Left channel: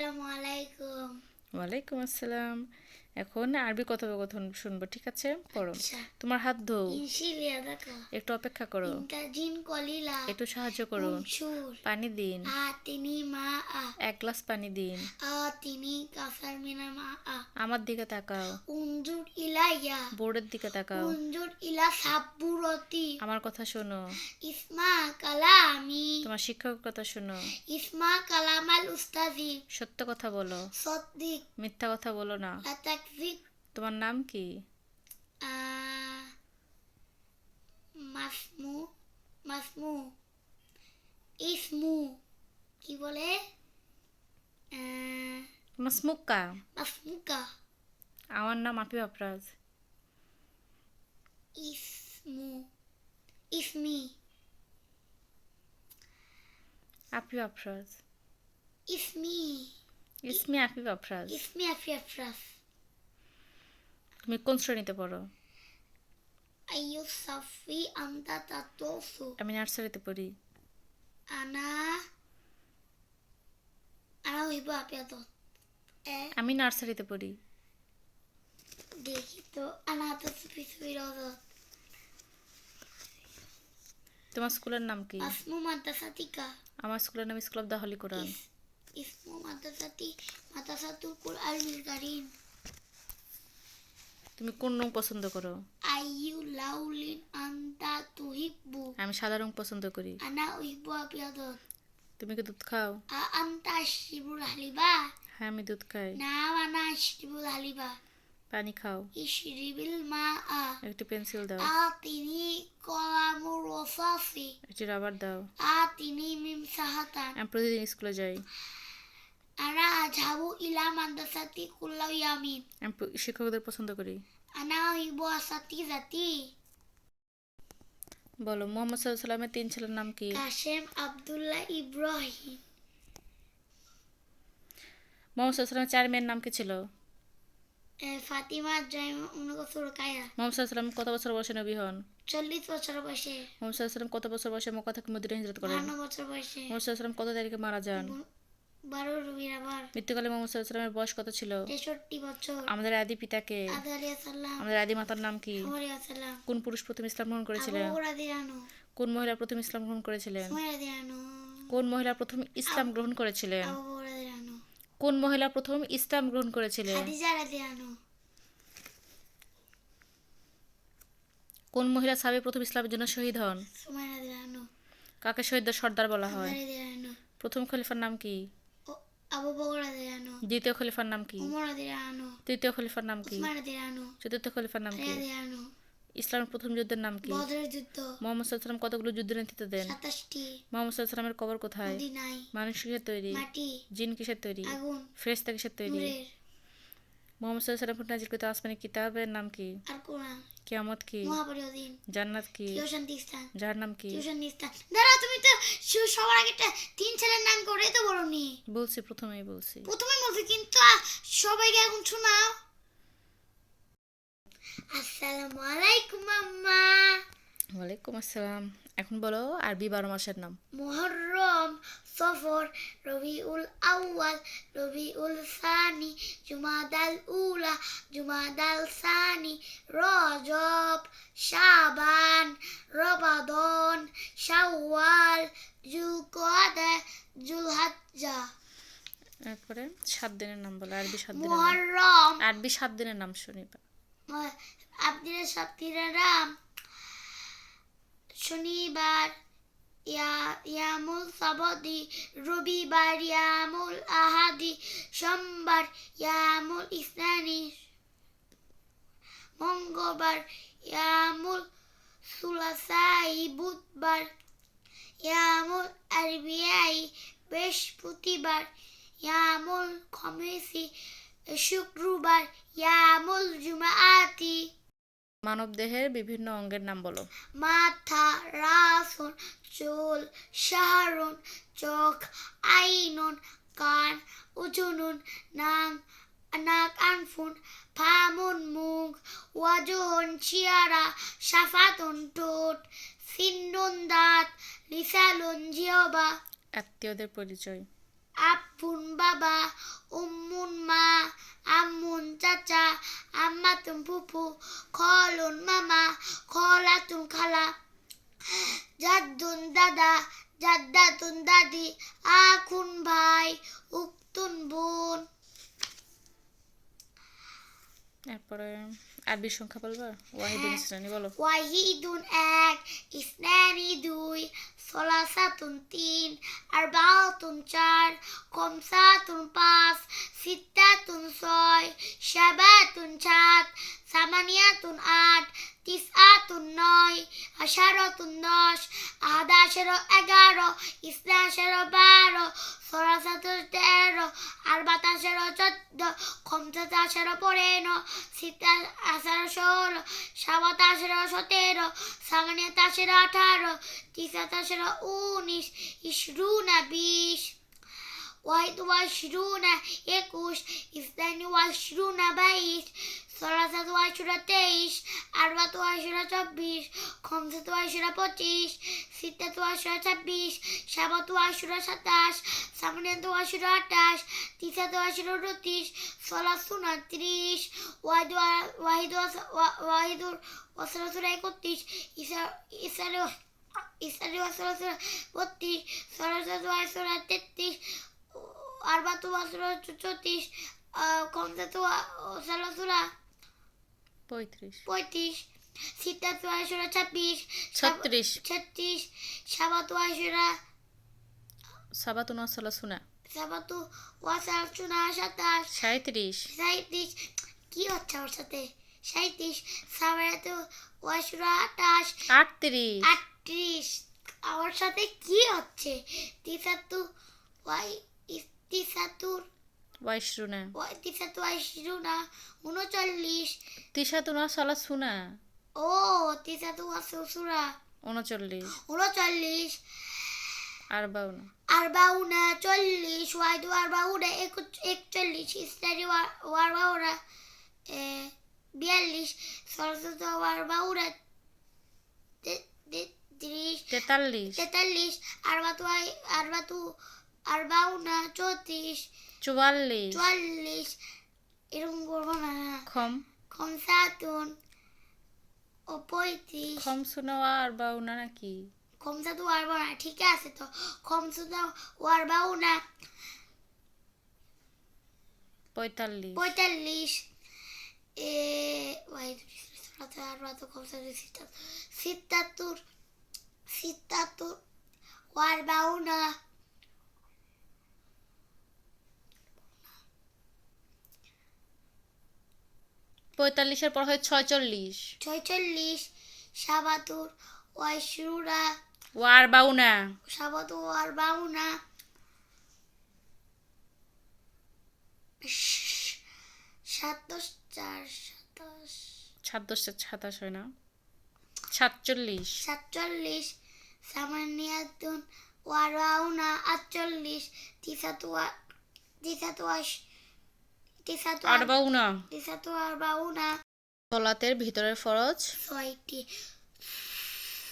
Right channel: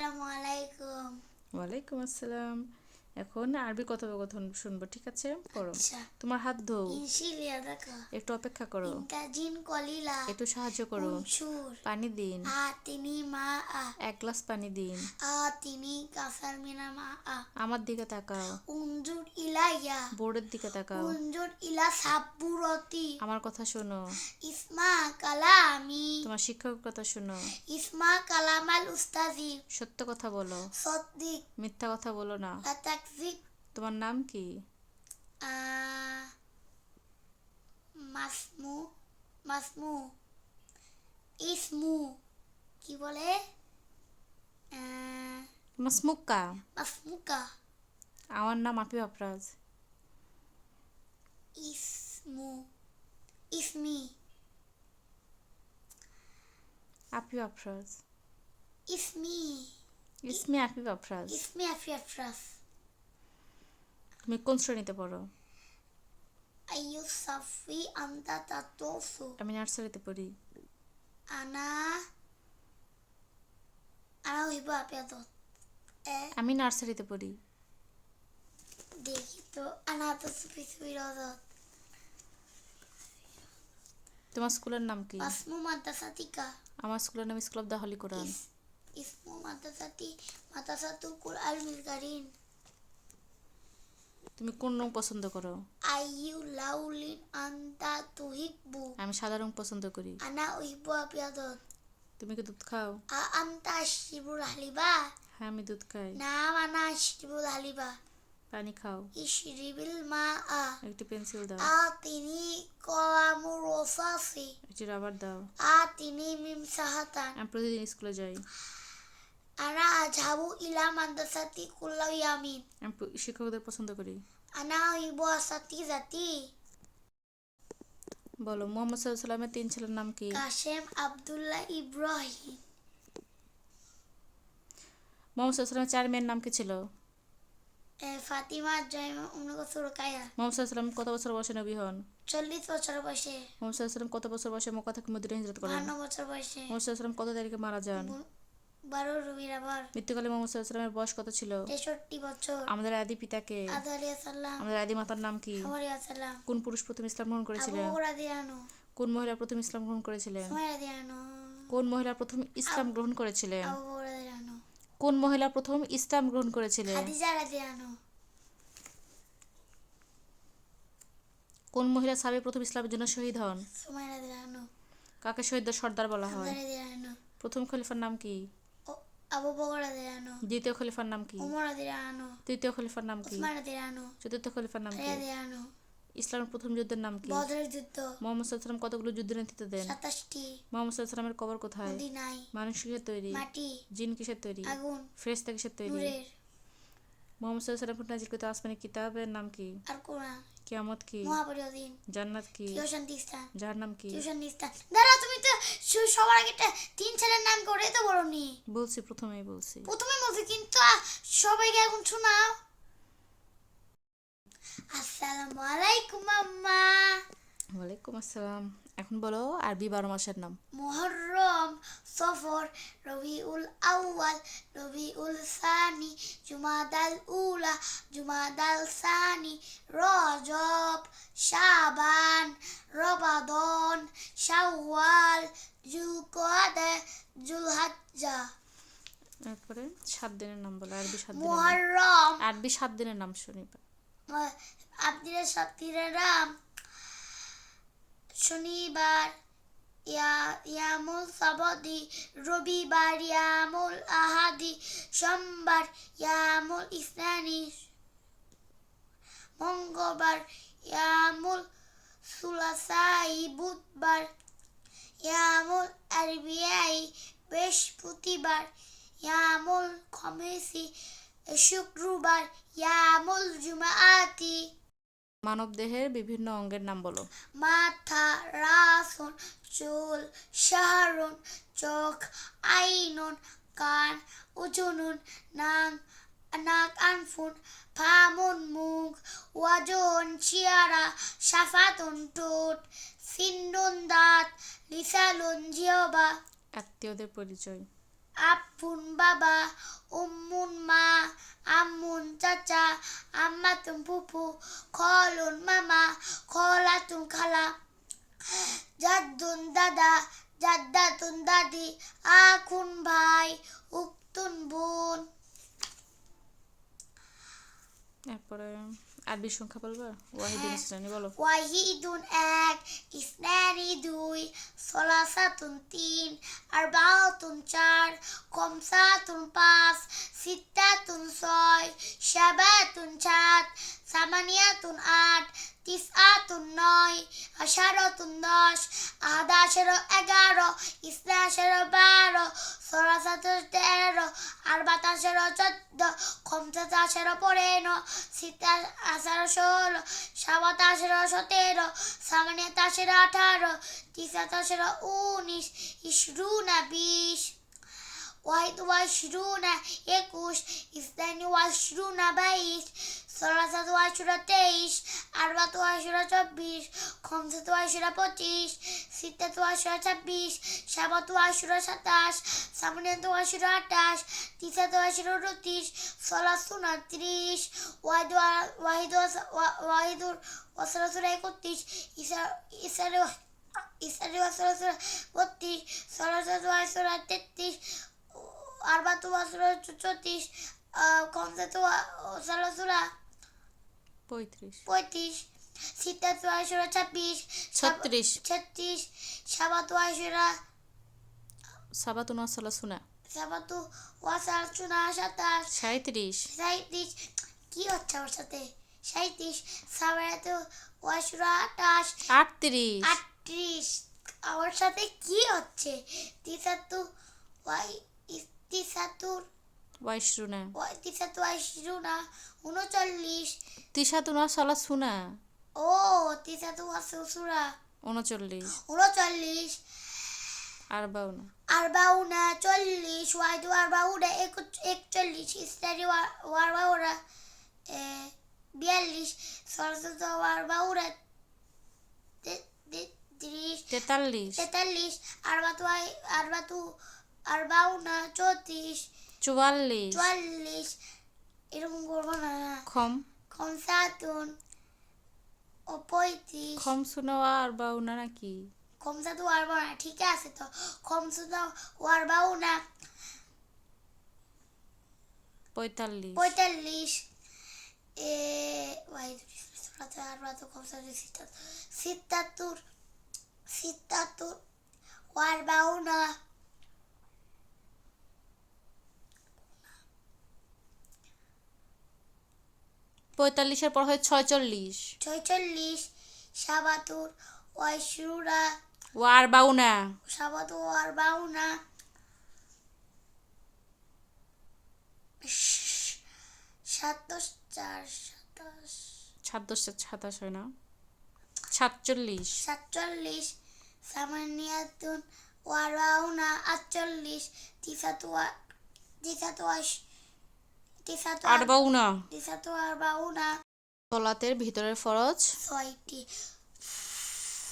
আসসালামু আলাইকুম। ওয়ালাইকুম আসসালাম। এখন আরবি কথোপকথন শুনবো, ঠিক আছে? পড়ো। আচ্ছা, তোমার হাত ধোও। ইনশিলিয়া দেখা একটু অপেক্ষা করো। ইন্তাজিন কলিলা একটু সাহায্য করো। উনসুর পানি দিন। আতিনি মা আ এক গ্লাস পানি দিন। আতিনি কাসার মিনা মা আ আমার দিকে তাকাও। উনজুর ইলাইয়া বোর্ডের দিকে তাকাও। উনজুর ইলা সাব্বুরতি আমার কথা শোনো। ইসমা কালামি তোমার শিক্ষকের কথা শোনো। ইসমা কালামাল উস্তাজি সত্য কথা বলো। সদ্দিক মিথ্যা কথা বলো না। লাতাকজিক তোমার নাম কি? আ মাসমু মাসমু ইসমু কি বলে মাসমুক্কা। মাসমুকা আমার নাম আফি আফরাজ। ইসমু ইসমি আফি আফরাজ। ইসমি ইসমি আফি আফরাজ। ইসমি আফি আফরাস তুমি কোন শ্রেণীতে পড়ো? আইয়ু সাফি আন্তা তাতোসু আমি নার্সারিতে পড়ি। আনা আনা হইব আপিয়াদত আমি নার্সারিতে পড়ি। দেখি তো আনা তো সুফি সুফি রদত তোমার স্কুলের নাম কি? আসমু মাদ্রাসাতিকা আমার স্কুলের নাম স্কুল অফ দ্য হলি কোরআন। ইসমু মাদ্রাসাতুল কুরআনুল কারীম তুমি কোন রং পছন্দ করো? আইয়ু লাউলিন আন্তা তুহিব্বু আমি সাদা রং পছন্দ করি। আনা উহিব্বু আপিয়াদত তুমি কি দুধ খাও? আন্তা আশরিবুল হালিবা হ্যাঁ, আমি দুধ খাই। নাম আনা আশরিবুল হালিবা পানি খাও। ইশরিবিল মা একটি পেন্সিল দাও। আতিনি কলামু রসাসি একটি রাবার দাও। আতিনি মিম সাহাতান আমি প্রতিদিন স্কুলে যাই। আনা আজহাবু ইলা মাদ্রাসাতি কুল্লা ইয়ামিন আমি শিক্ষকদের পছন্দ করি। আনা উহিব্বু আসাতিজাতি বলো, মোহাম্মদ সাল্লাল্লাহু আলাইহি সাল্লামের 3 ছেলের নাম কি? কাশেম আব্দুল্লাহ ইব্রাহিম মোহাম্মদ সাল্লাল্লাহু আলাইহি সাল্লামের 4 মেয়ের নাম কি ছিল? ফাতিমা জাইমা উনকসু রুকায়া মোহাম্মদ সাল্লাল্লাহু আলাইহি সাল্লাম কত বছর বয়সে নবী হন? 40 বছর বয়সে মোহাম্মদ সাল্লাল্লাহু আলাইহি সাল্লাম কত বছর বয়সে মক্কা থেকে মদিনায় হিজরত করেন? 52 বছর বয়সে মোহাম্মদ সাল্লাল্লাহু আলাইহি সাল্লাম কত তারিখে মারা যান? 12 রবির আবার মৃত্যুকালে মোহাম্মদ সাল্লাল্লাহু আলাইহি সাল্লামের বয়স কত ছিল? 63 বছর আমাদের আদি পিতাকে, আদম আলাইহিস সালাম আমাদের আদি মাতার নাম কি? আলাইহিস সালাম কোন পুরুষ প্রথম ইসলাম গ্রহণ আবু করেছিলেন? বকর রাদিয়ানো কোন মহিলা প্রথম ইসলাম গ্রহণ করেছিলেন? সুমাইয়া রাদিয়ানো কোন মহিলা প্রথম ইসলাম গ্রহণ করেছিলেন? আবু বকর রাদিয়ানো কোন মহিলা প্রথম ইসলাম গ্রহণ করেছিলেন? খাদিজা রাদিয়ানো কোন মহিলা সাহাবী প্রথম ইসলামের জন্য শহীদ হন? সুমাইয়া রাদিয়ানো কাকে শহীদদের সর্দার বলা হয়? হামজা রাদিয়ানো প্রথম খলিফার নাম কি? আবু বকর রাদিয়ানো দ্বিতীয় খলিফার নাম কি? ওমর রাদিয়ানো তৃতীয় খলিফার নাম কি? উসমান রাদিয়ানো চতুর্থ খলিফার নাম আলী কি? রাদিয়ানো ইসলামের প্রথম যুদ্ধের নাম কি? বদরের যুদ্ধ মোহাম্মদ সাল্লাল্লাহু আলাইহি সাল্লাম কতগুলো যুদ্ধের নেতৃত্ব দেন? 27টি মোহাম্মদ সাল্লাল্লাহু আলাইহি সাল্লামের কবর কোথায়? মদিনায় মানুষ কিসের তৈরি? মাটি জিন কিসের তৈরি? আগুন ফেরেশতা কিসের তৈরি? নূরের মোহাম্মদ সাল্লাল্লাহু আলাইহি সাল্লাম নাজিলকৃত আসমানি কিতাবের নাম কি? আর কোরআন কিয়ামত কি? মহাপরিদিন জান্নাত কি? শান্তি স্থান জাহান্নাম কি? শান্তি স্থান দাঁড়া তুমি তো সবার আগে তিন ছেলের নাম করে তো বলনি বলছি, প্রথমেই বলছি। প্রথমে বলছি কিন্তু সবাইকে এখন শোনাও আসসালামু আলাইকুম আম্মা ওয়ালাইকুম আসসালাম। এখন বলো আরবি 12 মাসের নাম। মুহররম সফর রবিউল আউয়াল রবিউল সানি জুমাদাল উলা জুমাদাল সানি রজব শাবান রমাদান শাওয়াল জুলকআদা জুলহজ্জা এরপরে 7 দিনের নাম বলো, আরবি 7 দিনের নাম। মুহররম আরবি 7 দিনের নাম শুনি। আপনাদের সপ্তাহের শনিবার ইয়ামুল সাবতি রবিবার ইয়ামুল আহাদি সোমবার ইয়ামুল ইসনানি মঙ্গলবার ইয়ামুল সুলাসাই বুধবার ইয়ামুল আরবিয়াই বৃহস্পতিবার ইয়ামুল খমিসি শুক্রবার ইয়ামুল জুমাআতি মানবদেহের বিভিন্ন অঙ্গের নাম বলো। মাথা রাসুন চুল শাহরুন চোখ আইনুন কান উজুনুন নাক আনফুন ফামুন মুখ ওয়াজুন চেহারা শাফাতুন ঠোঁট সিন্নুন দাঁত লিসানুন জিহবা আত্মীয়দের পরিচয়। আব্বুন বাবা, উম্মুন মা, আম্মুন চাচা, আম্মাতুন ফুফু, খলুন মামা, খলাতুন খালা, জাদ্দুন দাদা, জাদ্দাতুন দাদি, আখুন ভাই, উক্তুন বোন। এরপরে আরবি সংখ্যা বলবা? ওয়াহিদুন ইসলানি বলো। ওয়াহিদুন এক, ইসনানি দুই, সলাসাতুন তিন, আরবাআতুন চার, খমসাতুন পাঁচ, সিত্তাতুন ছয়, সাবাতুন সাত, সামানিয়াতুন আট, তিসআতুন নয়, আশারাতুন দশ, আহাদাশারো 11, ইসনাশারো 12, সলাসাতুন 13, আরবাতাশারো 14, খমসাতাশারো 15, সিত্তাশারো 16, সাবাতাশারো 17, সামানিয়াতাশারো 18, তিসআতাশারো 19, ইশরুনা 20, ওয়াহিদ ওয়াশরুনা 21, ইসনানি ওয়াশরুনা 22, সলাসাতু ওয়াশরুনা 23, আরবাতু ওয়াশরুনা 24, খমসাতু ওয়াশরুনা 25, সিত্তাতু ওয়াশরুনা 26, সাবাতু ওয়াশরুনা 27, সামানিয়াতু ওয়াশরুনা 28, তিসআতু ওয়াশরুনা 29, সলাসুনা 30, ওয়াহিদুর ওয়াসালাসুনা 31, ইসারি ওয়াসালাসুনা 32, সলাসাতু ওয়াশরুনা 33, আরবাতু ওয়াশরুনা 34, খমসাতু ওয়াসালাসুনা 35, সিত্তাতু ওয়াশরুনা 26, 36, সাবাতু ওয়াশরুনা সাবাতুন ওয়াসালাসুনা সাবাতু ওয়াসালাসুনা 27, 37, কি হচ্ছে আমার সাথে? 37, সাবাতু ওয়াশরুনা 28, 38, আমার সাথে কি হচ্ছে? তিসাতু ওয়াইশরুনা 39, তিসাতুন ওয়াসালাসুনা ও তিসাতু ওয়াসালাসুনা 39, 39, আরবাউনা আরবাউনা 40, ওয়াহিদু আরবাউনা 41, ইসনানি ওয়ারবাউনা 42, সলাসাতু ওয়ারবাউনা 43, আরবাতু আরবাউনা 34, 44, এরকম করবো না। খমসাতুন 35, খমসুনা আরবাউনা নাকি? খমসাতু আরবাউনা ঠিক আছে তো, খমসুনা ওয়ারবাউনা 45, সিত্তাতু ওয়ারবাউনা 45 পর হয় 46, 46, সাবাতুর ওয়াশরুনা ওয়ারবাউনা সাবাতু ওয়ারবাউনা 27 হয় না? 47, 47, সামানিয়াতুন ওয়ারবাউনা 48, তিসাতু আরবাউনা আরবাউনা সলাতের ভিতরের ফরজ 6টি,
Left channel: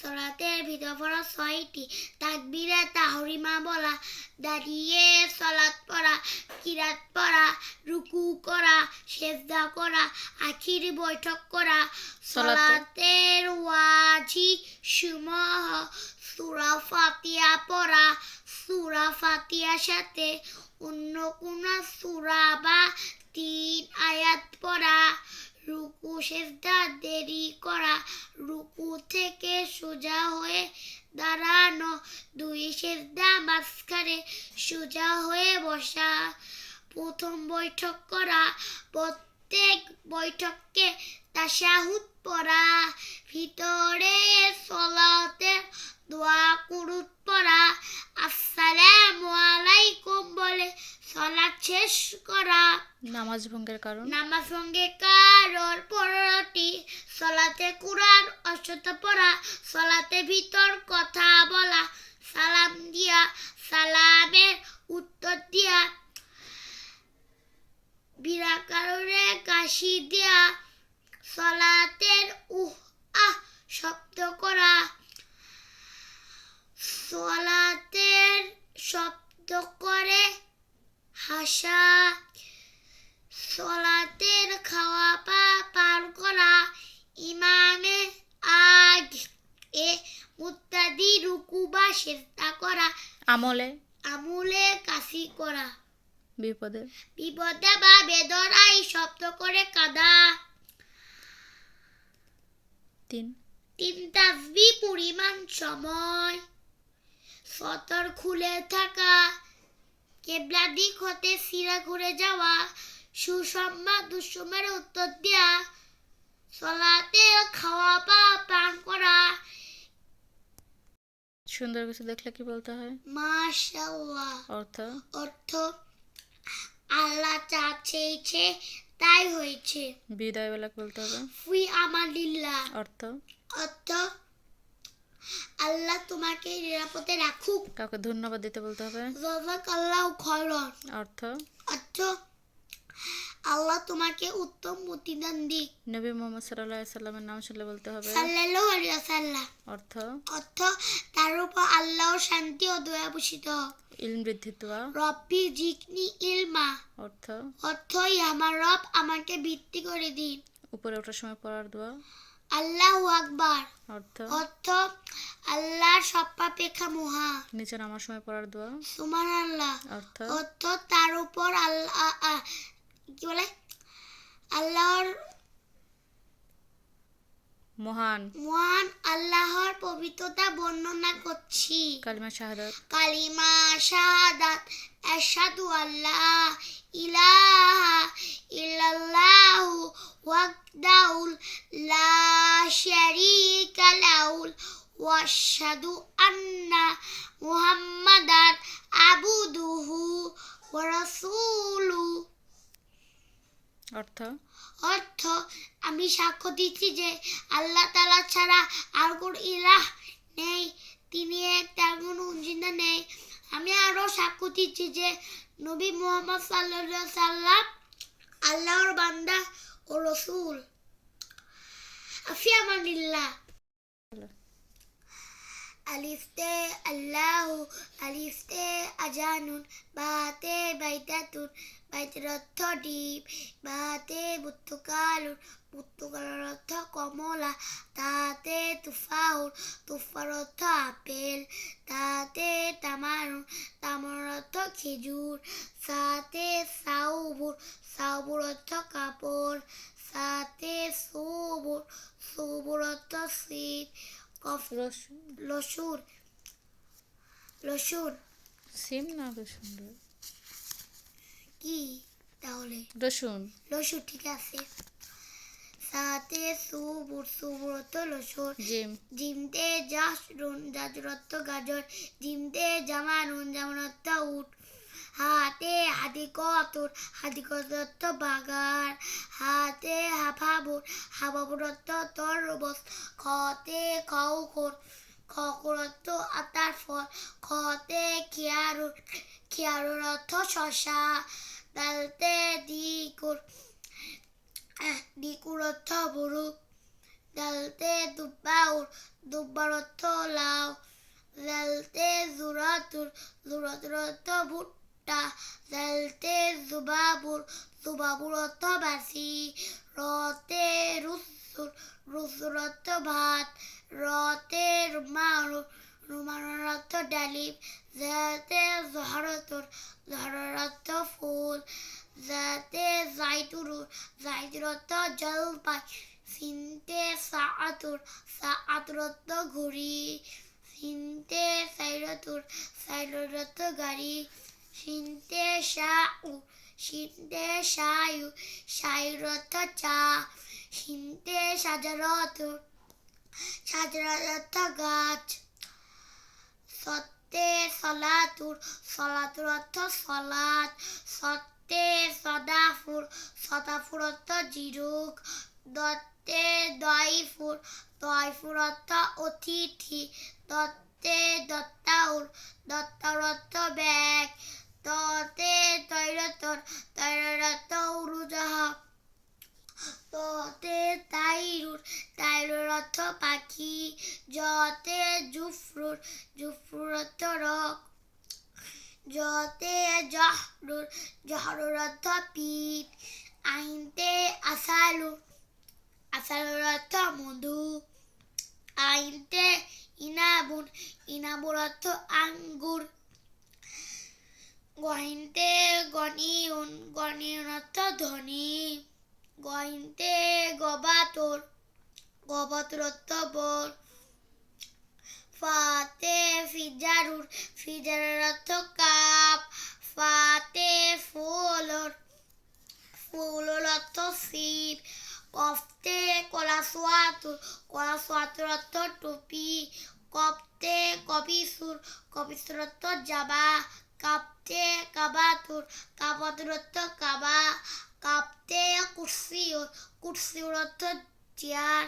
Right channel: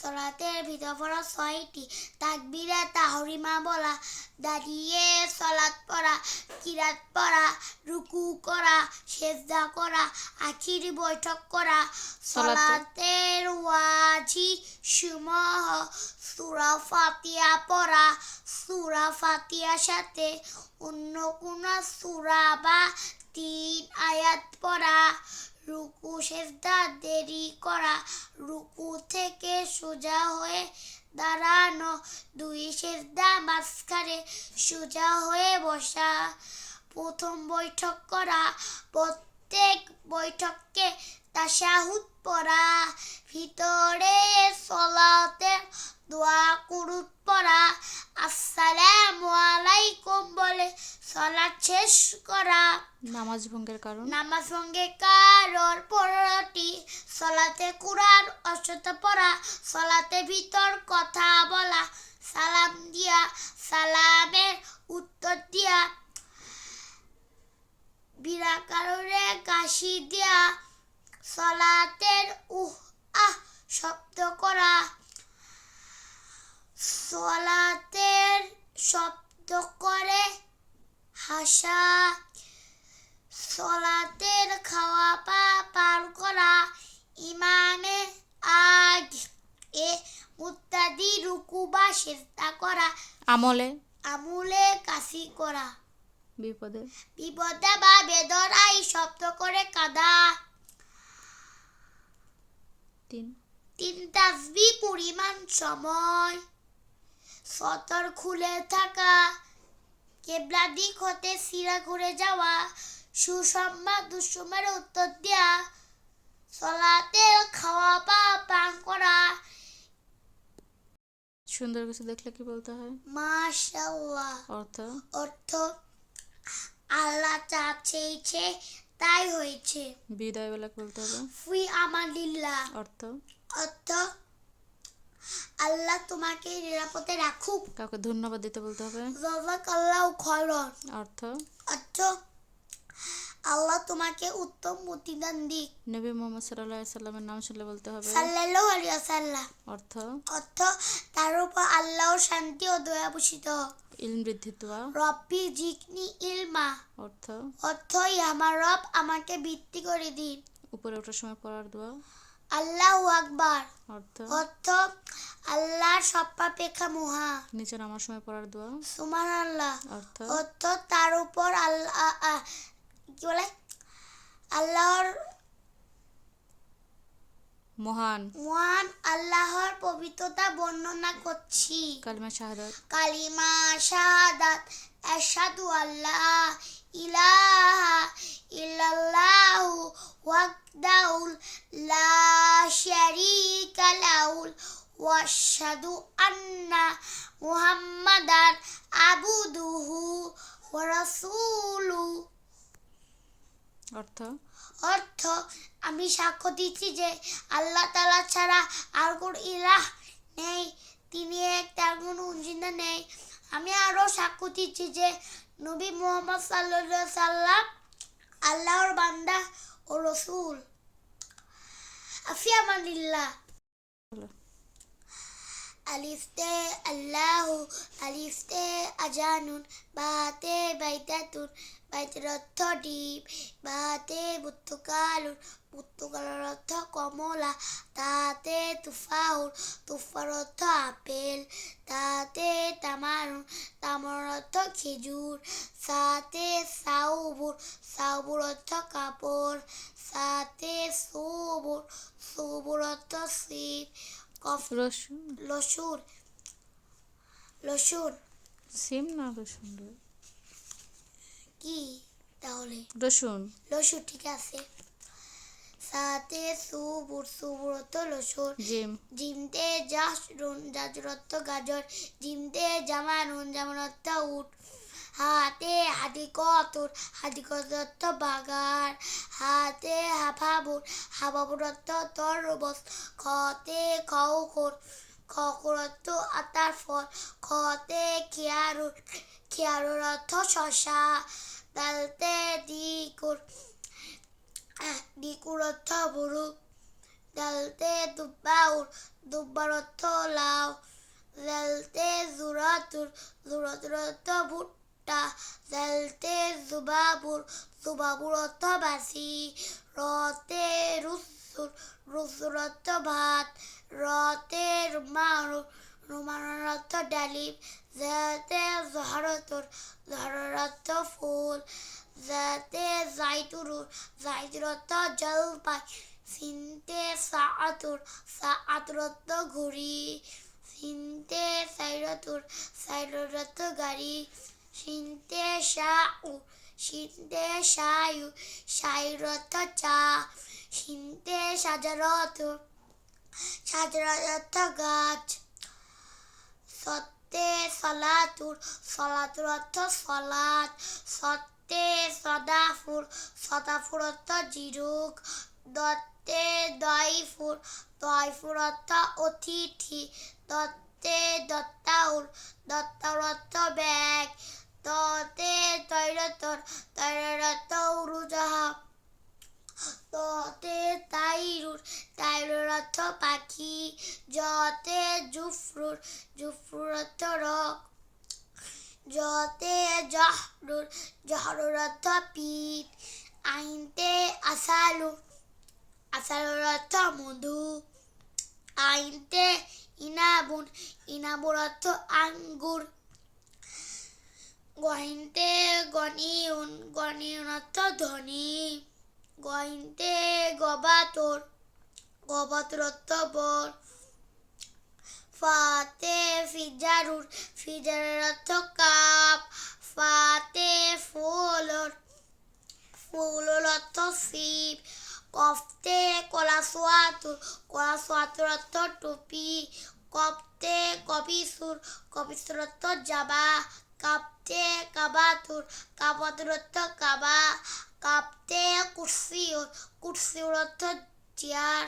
সলাতের ভিতর পড়া 6টি, তাকবীরে তাহরিমা বলা, দাঁড়িয়ে সলাত পড়া, কিরাত পড়া, রুকু করা, সেজদা করা, আখির বৈঠক করা, সলাতের ওয়াজিব সমূহ, সূরা ফাতিহা পড়া, সূরা ফাতিহার সাথে অন্য কোন সূরা বা 3 আয়াত পড়া, রুকু সেজদা দেরি করা, রুকু থেকে সোজা হয়ে দাঁড়ানো, 2 সেজদা মাঝখানে সোজা হয়ে বসা, প্রথম বৈঠক করা, প্রত্যেক বৈঠককে তাশাহুদ পড়া, ভিতরে সলাতে দোয়া কুনুত পড়া, আসসালামু আলাইকুম বলে সলাত শেষ করা। নামাজ ভঙ্গের কারণ 15টি, সলাতে কুরআন অষ্টত পড়া, সলাতে ভিতর কথা বলা, সালাম দিয়া সালামের উত্তর দিয়া, বিনা কারণে কাশি দিয়া, সলাতের আহ শব্দ করা, সলাতের শব্দ করে হাসা সলাতের খাওয়া পার করা ইমামে আগ এ মুত্তাদি রুকু বা সেজদা করা আমলে আমুলে কাশি করা বিপদে বিপদে বা বেদনায় শব্দ করে কাঁদা 3 তাসবিহ পরিমাণ সময় সতর খুলে থাকা কেবলা দিক হতে সিরা ঘুরে যাওয়া সুসংবাদ দুঃসংবাদের উত্তর দেয়া সলাতে খাওয়া পান করা সুন্দর কিছু দেখলে কি বলতে হয়? মাশাআল্লাহ অর্থ অর্থ আল্লাহ যা চেয়েছে তাই হয়েছে বিদায় বেলা বলতে হবে ফি আমানিল্লাহ অর্থ অর্থ আল্লাহ তোমাকে নিরাপদে রাখুক কাউকে ধন্যবাদ দিতে বলতে হবে জাযাকাল্লাহু খায়রান অর্থ অর্থ আল্লাহ তোমাকে উত্তম প্রতিদান দিক নবী মুহাম্মদ সাল্লাল্লাহু আলাইহি সাল্লামের নাম শুনলে বলতে হবে সাল্লাল্লাহু আলাইহি ওয়াসাল্লাম অর্থ অর্থ তার উপর আল্লাহর শান্তি ও দয়া বর্ষিত হোক ইলম বৃদ্ধি দোয়া রব্বি জিকনি ইলমা অর্থ অর্থ আমার রব আমাকে বৃত্তি করে দিন উপরে ওঠার সময় পড়ার দোয়া আল্লাহু আকবার অর্থ অর্থ আল্লাহর সর্বাপেক্ষা মহা নিচে নামার সময় পড়ার দোয়া সুবহানাল্লাহ অর্থ অর্থ তার উপর আল্লাহ কি বলে আল্লাহর মহান আল্লাহর পবিত্রতা বর্ণনা করছি কালিমা শাহাদাত কালিমা শাহাদাত আশহাদু আল্লা ইলাহা ইল্লাল্লাহু ওয়াহদাহু লা শারীকা লাহু ওয়া আশহাদু আন্না মুহাম্মাদান আবদুহু ওয়া রাসূলুহু অর্থ অর্থ আমি সাক্ষ্য দিচ্ছি যে আল্লাহ তাআলা ছাড়া আর কোনো ইলাহ নেই তিনি এক তার কোনো অংশীদার নেই আমি আরো সাক্ষ্য দিচ্ছি যে নবী মুহাম্মদ সাল্লাল্লাহু আলাইহি সাল্লাম আল্লাহর বান্দা ও রাসূল আফিয়ামানিল্লাহ আলিফতে আল্লাহু আলিফতে আজানুন বাতে বাইতাতুন বাইতের অর্থ ডিপ বাতে পর্তুগালুন পর্তুগালের অর্থ কমলা তাতে তুফাউন তুফার অর্থ আপেল তাতে তামারুন তামার অর্থ খেজুর সাতে সাউবুর সাউবুর অর্থ কাপড় সাতে সুবুর সুবুর অর্থ শীত রসুন লসুন লসুন সিম না রসুন কি তাহলে রসুন লসুন ঠিক আছে সাতে সুবুর সুবুর অর্থ লসুন জিম জিমতে জাসরুন জাজর অর্থ গাজর জিমতে জামানুন জামান অর্থ উট হাতে হাদিকতুন হাদিকত অর্থ বাগান হাতে হাফাবুর হাফাবুর অর্থ তরমুজ খতে খাউখুর খকুর অর্থ আতার ফল খতে খিয়ারুন খিয়ারুর অর্থ শশা দালতে দিকুর দিকুর অর্থ বুরুক দালতে দুব্বাউর দুব্বার অর্থ লাউ দালতে জুরাতুর জুরাতুর অর্থ ভুট্টা দালতে জুবাবুর জুবাবুর অর্থ বাসি রতে রুসুর রুসুর অর্থ ভাত রতে রুমানুর রুমানুর অর্থ ডালিম যাতে জহরতুর জহরের অর্থ ফুল যাতে জাইতুরুর জাইতুর অর্থ জলপাই সিনতে সাআতুর সাআতুর অর্থ ঘড়ি সিনতে সাইরাতুর সাইরাতুর অর্থ গাড়ি সিনতে শাউ সিনতে শায়ু শায়ুর অর্থ চা সিনতে সাজারতুর সাজারত অর্থ গাছ সত্যে সলাতুর সলাতুর অর্থ সলাত সত্যে সদাফুর সদাফুর অর্থ জিরুক দত্তে দয়ফুর দয়ফুর অর্থ অতিথি দত্তে দত্তাউর দত্তাউর অর্থ ব্যাগ ততে তৈরতর তৈরর অর্থ উড়োজাহা ততে তাইরুর তাইরুর অর্থ পাখি জতে জুফরুর জুফরুর অর্থ রক জতে জহরুর, জহরুর অর্থ পিঠ। আইনতে আসালু, আসালুর অর্থ মধু। আইনতে ইনাবুন, ইনাবুর অর্থ আঙ্গুর। গহিনতে গনিউন, গনিউন অর্থ ধনী। গহিনতে গবাতর, গবাতর অর্থ বর। ফাতে ফিজারুর, ফিজারুর অর্থ কাপ। ফাতে ফুলর, ফুলর অর্থ শিব। কফতে কলাসোয়াতুর, কলাসোয়াতুর অর্থ টুপি। কফতে কবিসুর, কবিসুর অর্থ জাবা। কাপতে কাবাতুর, কাবাতুর অর্থ কাবা। কাপতে কুরসিউর, কুরসিউর অর্থ চেয়ার।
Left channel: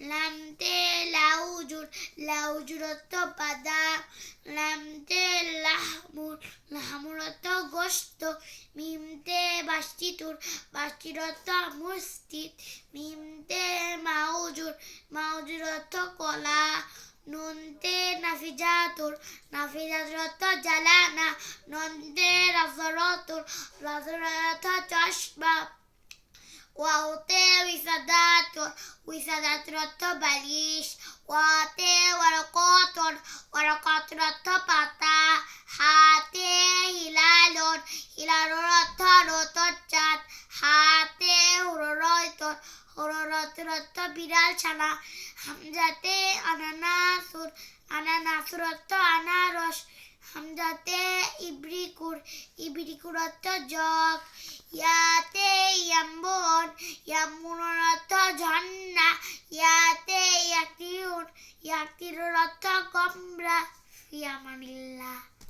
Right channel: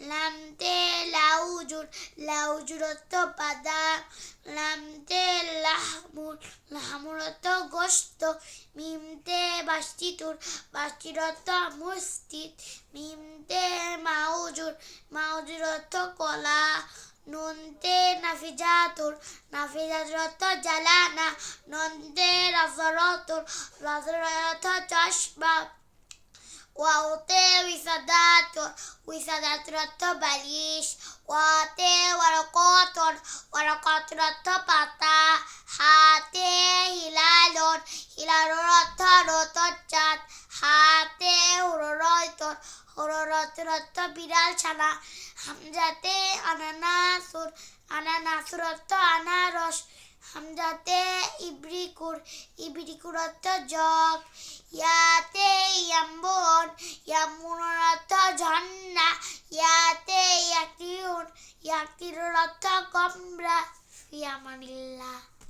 লামতে লাউজুর, লাউজুর অর্থ বাদাম। লামতে লাহমুর, লাহমুর অর্থ গোশত। মিমতে বাস্তিতুর, বাস্তির অর্থ মসজিদ। মিমতে মাউজুর, মাউজুর অর্থ কলা। নুনতে নাফিজাতুর, নাফিজাতুর অর্থ জ্বালানা। নন্তে রাজরতুর, রাজরের অর্থ চশমা। ওয়াওতে উইসাদাতুর, উইসাদাতুর অর্থ বালিশ। ওয়াতে ওয়ারকাতুর, ওয়ারকাতুর অর্থ পাতা। হাতে হিলালুন, হিলালুর অর্থ নতুন চাঁদ। হাতে হুররাইতুর, হুররাইতুর অর্থ বিড়াল ছানা। হামজাতে আনানাসুর, আনানাসুর অর্থ আনারস। হামজাতে ইব্রিকুর, ইব্রিকুর অর্থ জগ। ইয়াতে ইয়াম্বুন, ইয়াম্বুনের অর্থ ঝর্ণা। ইয়াতে ইয়াকিউন, ইয়াকিউর অর্থ কমরা। ফি আমানিল্লাহ।